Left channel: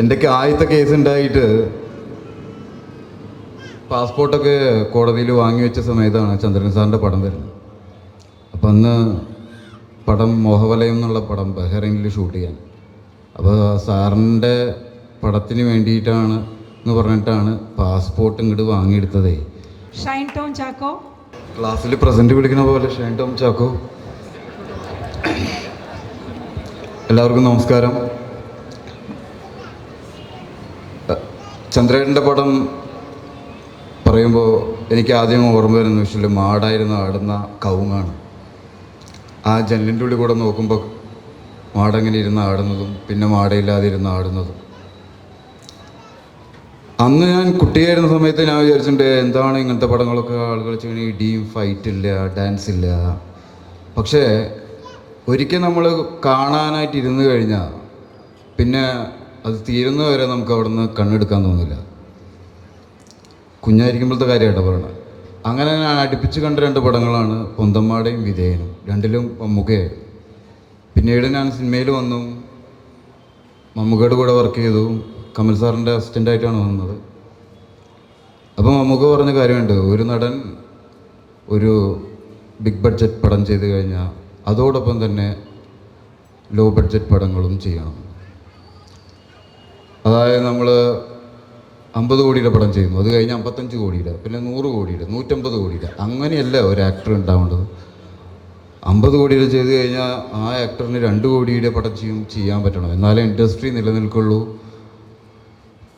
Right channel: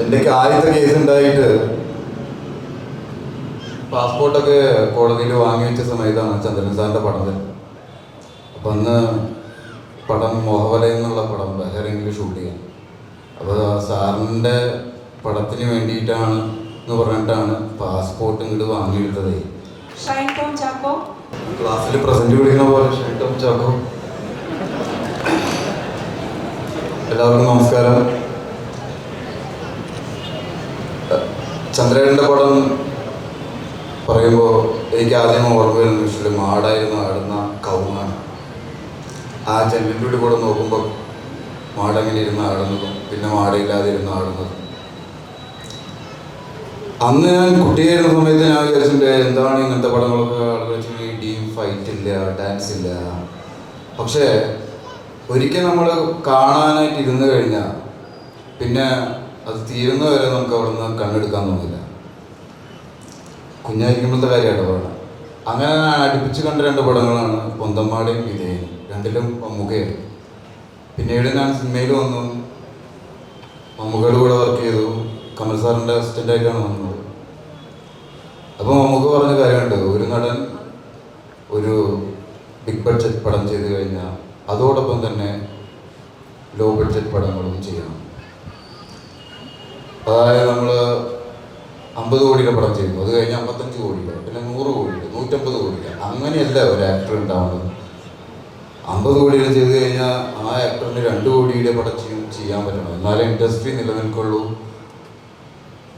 എന്തൊക്കെ ആദ്യത്തെ കേസ് ഉണ്ടായിട്ട് പാസ്പോർട്ടൊക്കെ കോടതിയിൽ വാങ്ങി വെച്ച സമയത്താണ് ചന്ദ്രൻ സാറിൻ്റെ പടം വരുന്നത്. അപ്പം അന്ന് പടം മോഹവലയം എന്നുള്ള പടം ബഹ്റൈനിൽ ഷൂട്ട് ചെയ്യാൻ. അപ്പോൾ സാറിൻ്റെ പടത്തിന് വേണ്ടിയിട്ടാണ് എന്ന് പറഞ്ഞിട്ടാണ് പാസ്പോർട്ട് ഇങ്ങോട്ട് വാങ്ങിയെടുത്തതേ. ക്ലാസ്സിൽ പ്രസന്റ് വിളിക്കുന്ന പോലെ ഷൈൻ ടോം ചാക്കോ. എല്ലാവർക്കും നമസ്കാരം. ചന്ദ്രേട്ടൻ്റെ പടം പറയുമ്പോൾ എനിക്ക് ആദ്യം ഓർമ്മ വരുന്ന വെച്ചാൽ മാടായിരുന്നു ആടുന്ന കവുങ്ങാണ്. ആ ജനലിൻ്റെ ഉള്ളിൽ കൂടെ നോക്കുമ്പോൾ മാടെങ്ങനെ ഇരുന്ന് ആടുന്നതും പിന്നെ മാടയില്ലാതെ ഇരുന്ന് ആടുന്നതും. അന്ന് ഞാൻ കുട്ടിയായിരുന്ന സമയത്ത് ഞാൻ വിചാരിച്ചിട്ടുണ്ട് എന്താണ് ഇങ്ങനത്തെ പടങ്ങളൊക്കെ ആളുകൾ വെച്ചാൽ ഇടിയും ഫൈറ്റ് ഇല്ല, ഡാൻസ് ഇല്ല. പക്ഷേ ഒരിക്കൽ നമ്മൾ കാണാനായിട്ട് ഇരുന്ന് കഴിഞ്ഞാൽ പിന്നെ അത് തീരുന്നവരെ നമുക്ക് അവിടെ നിന്ന് കണ്ണെടുക്കാൻ തോന്നില്ല. കുഞ്ഞായിരിക്കുമ്പോഴത്തെ കാര്യമായിട്ട് പറയണം. അങ്ങനെ ഞാൻ അടുപ്പിച്ച് കണ്ട രണ്ട് പടങ്ങളാണ് പൊന്തന്മാടയും വിധേയനും. രണ്ടിലും മമ്മൂക്കയായിരുന്നു. പിന്നീട് ഞാൻ സിനിമയിൽ വന്നു, മമ്മൂക്കയുടെ കൂടെ വർക്ക് ചെയ്തു. കമൽ സാറിൻ്റെ അസിസ്റ്റൻ്റായിട്ടാണ് വന്നത്. അപ്പോൾ മമ്മൂക്ക പറഞ്ഞ കാര്യമുണ്ട്, ഒരു നടൻ ഒരു ബിഗ് ബഡ്ജറ്റ് പടം ചെയ്ത് കഴിഞ്ഞാൽ അതോടൊപ്പം തന്നെ ലോ ബഡ്ജറ്റ് പടങ്ങളും ചെയ്യണം. അതായത് നമ്മൾ 50 കോടിയുടെ പടം ചെയ്തു, അത് കഴിഞ്ഞ് 55 കോടിയുടെ, പിന്നെ 100 കോടിയുടെ, 150 കോടിയുടെ. അങ്ങനെയല്ല ഒരു ആക്ടർ ഉണ്ടാവേണ്ടത്. 50 കോടിയുടെ ചെയ്ത് കഴിഞ്ഞാൽ ആ ആക്ടറിന് 2 കോടിയുടെ പടം ചെയ്യാൻ പറ്റണം. എന്നാലേ ഇൻഡസ്ട്രി നിലനിൽക്കുള്ളൂ,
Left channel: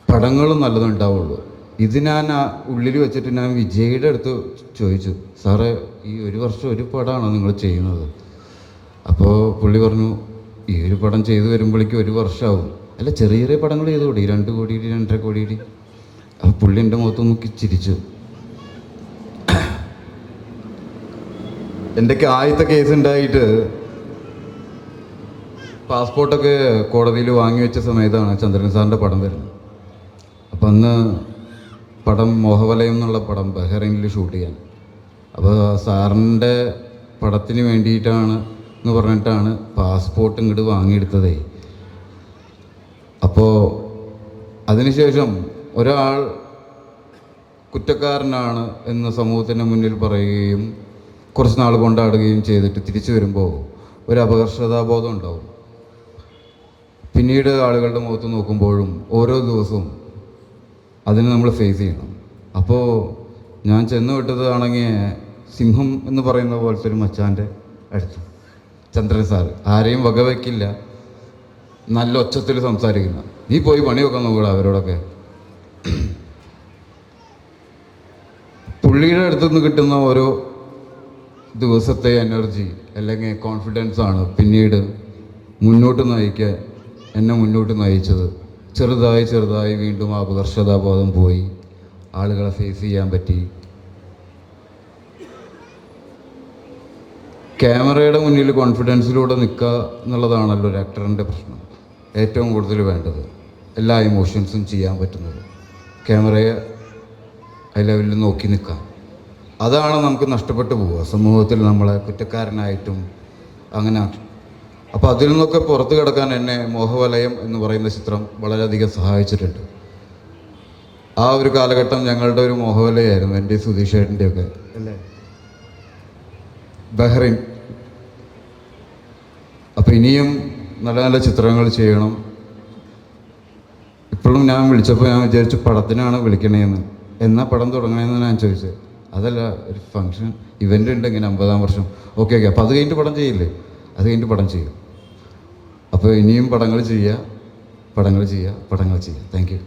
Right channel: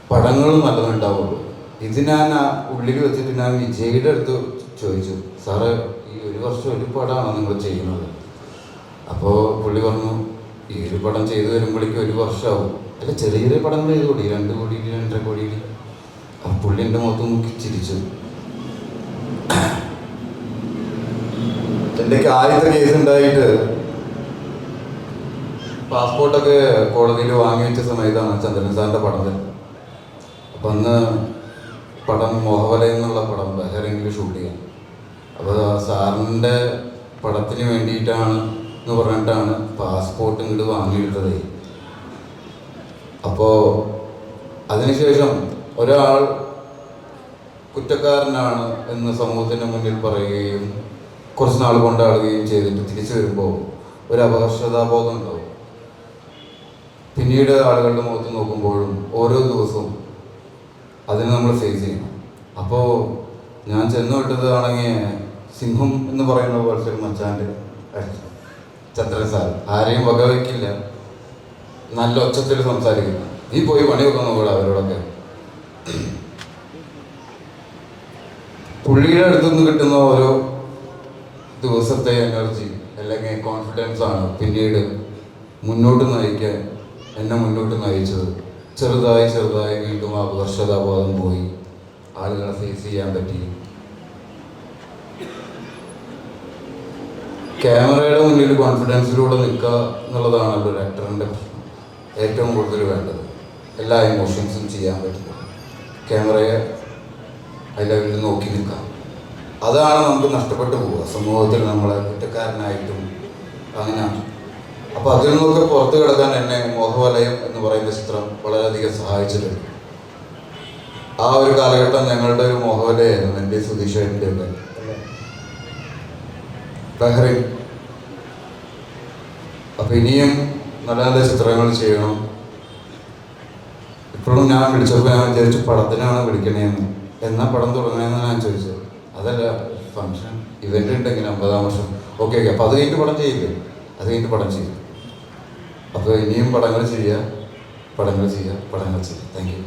പടങ്ങളും നല്ലതുണ്ടാവുള്ളൂ. ഇത് ഞാൻ ഉള്ളിൽ വെച്ചിട്ട് ഞാൻ വിജയുടെ അടുത്ത് ചോദിച്ചു, സാറ് ഈ ഒരു വർഷം ഒരു പടമാണ് നിങ്ങൾ ചെയ്യുന്നത്? അപ്പോൾ പുള്ളി പറഞ്ഞു, ഈ ഒരു പടം ചെയ്തു വരുമ്പോഴേക്കും ഒരു വർഷമാവും. അല്ല, ചെറിയ ചെറിയ പടങ്ങൾ ചെയ്തുകൂടി, 2 കോടിയിൽ 2.5 കോടിയിൽ. ആ പുള്ളി എൻ്റെ മുഖത്ത് നോക്കി ചിരിച്ചു. എന്തൊക്കെ ആദ്യത്തെ കേസ് ഉണ്ടായിട്ട് പാസ്പോർട്ടൊക്കെ കോടതിയിൽ വാങ്ങി വെച്ച സമയത്താണ് ചന്ദ്രൻ സാറിൻ്റെ പടം വരുന്നത്. അപ്പം അന്ന് പടം മോഹവലയം എന്നുള്ള പടം ബഹ്റൈനിൽ ഷൂട്ട് ചെയ്യാൻ. അപ്പോൾ സാറിൻ്റെ പടത്തിന് വേണ്ടിയിട്ടാണ് എന്ന് പറഞ്ഞിട്ടാണ് പാസ്പോർട്ട് ഇങ്ങോട്ട് വാങ്ങിയെടുത്തതേ. അപ്പോൾ അതിനുശേഷം ഒരാൾ കുറ്റക്കാരനാണ് എന്ന് സമൂഹത്തിന് മുന്നിൽ പറയുകയും കുറച്ച് നാൾ കൊണ്ടാടുകയും ചെയ്തിട്ട് തിരിച്ചു വരുമ്പോൾ ഒരു അപകർഷതാബോധം ഉണ്ടാവും. പിന്നീട് ആളുകളുടെ മുഖത്ത് നോക്കുമ്പോഴും ഓരോ ദിവസവും അതിന് നമ്മൾ ഫേസ് ചെയ്യണം. അപ്പോൾ ഞാൻ ചെന്ന് വിട്ടതാണെങ്കിൽ സിംഹം എന്ന് പറയുന്ന പോലത്തെ ഒരു മച്ചാൻ്റെ അടുത്ത് ചന്ദ്രൻ സാർ. ആരെയും വകവയ്ക്കില്ല, നല്ല ഒച്ചത്തിൽ സംസാരിക്കില്ല. നീ പോയി പണി വെക്കാൻ നോക്കുക അവരോടൊക്കെ. പുള്ളിയുടെ അടുത്തുനിന്ന് കിട്ടുന്ന ഓരോ ദിവസത്തെ എനർജി അല്ലെങ്കിൽ കോൺഫിഡൻസ് ആണ് പിന്നീട് മുന്നോട്ട് നയിക്കാൻ എന്നെ മുന്നോട്ട് നയിച്ചത്. ചെറുതായി ചെറുതായി വീണ്ടും അപകർഷതാബോധം പോയി, ആളുകളെ ഫേസ് ചെയ്യാൻ പറ്റി. ക്യാമറയുടെ മുന്നിൽ കോൺഫിഡൻസിലൂടെ നിൽക്കുക എന്നുള്ളതാണല്ലോ ഒരു ആക്ടറിൻ്റെ പ്രശ്നം. ഏറ്റവും കൂടുതൽ വേണ്ടത് എല്ലാ ഇമോഷൻസും ചെയ്യാൻ പറ്റുന്നത് ക്യാമറയെ ഹൈ ലെവലിൽ നോക്കി നിൽക്കുക. അതാണ് നമുക്ക് നഷ്ടപ്പെട്ടു പോവുക സമൂഹത്തിൽ, നമ്മളെ കുറ്റക്കാരനായിട്ടും അങ്ങനെ. അപ്പോൾ അതിൽ നിന്നൊക്കെ പുറത്തു കിടക്കാൻ എന്നെ മോഹവലയം എന്ന് പറയുന്ന ചിത്രം വളരെയധികം സഹായിച്ചിട്ടുണ്ട്. ആ ഒരു കാലഘട്ടം ഞങ്ങളുടെ ഒരു മോഹവലയായിരുന്നു, എൻ്റെ സുധീഷേട്ടൻ്റെ ഒക്കെ ബഹ്റൈൻ. അപ്പോൾ ഇനിയും നല്ല നല്ല ചിത്രങ്ങൾ ചെയ്യണം. ഇപ്പോഴും ഞാൻ വിളിച്ചപ്പോൾ ഞാൻ വിചാരിച്ചു പടത്തിനാണ് വിളിക്കണേന്ന്. എന്നാ പടം തുടങ്ങണമെന്ന് ഞാൻ ചോദിച്ചത്. അതല്ല, ഫങ്ഷൻ ഇവൻ്റ് ഉണ്ടെങ്കിൽ 50-ാം വർഷം. ഓക്കെ. അപ്പോൾ അത് കഴിഞ്ഞിട്ട് പടം ചെയ്യില്ലേ? അത് കഴിഞ്ഞിട്ട് പടം ചെയ്യും. അപ്പോൾ ഇനിയും പടങ്ങൾ ചെയ്യുക. Thank you.